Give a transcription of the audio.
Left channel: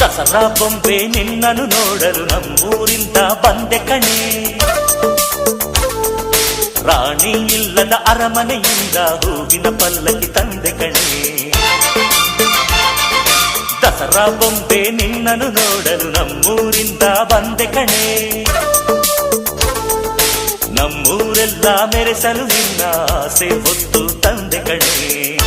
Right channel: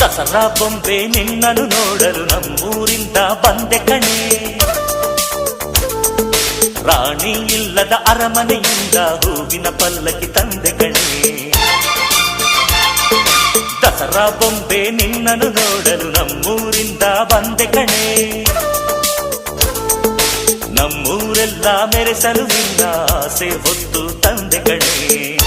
ದಸರಾ ಬೊಂಬೆ ನಿನ್ನನ್ನು ನೋಡಲು ನಮ್ಮೂರಿಂದ ಬಂದೆ ಕಣೆ. ರಾಣಿ ಇಲ್ಲದ ಅರಮನೆಯಿಂದ ಹೂವಿನ ಪಲ್ಲಕ್ಕಿ ತಂದೆ ಕಣೆ. ದಸರಾ ಬೊಂಬೆ ನಿನ್ನನ್ನು ನೋಡಲು ನಮ್ಮೂರಿಂದ ಬಂದೆ ಕಣೆ. ನಮ್ಮೂರೆಲ್ಲ ಮೆರೆಸಲು ನಿನ್ನ ಆಸೆ ಹೊತ್ತು ತಂದೆ ಕಣೆ.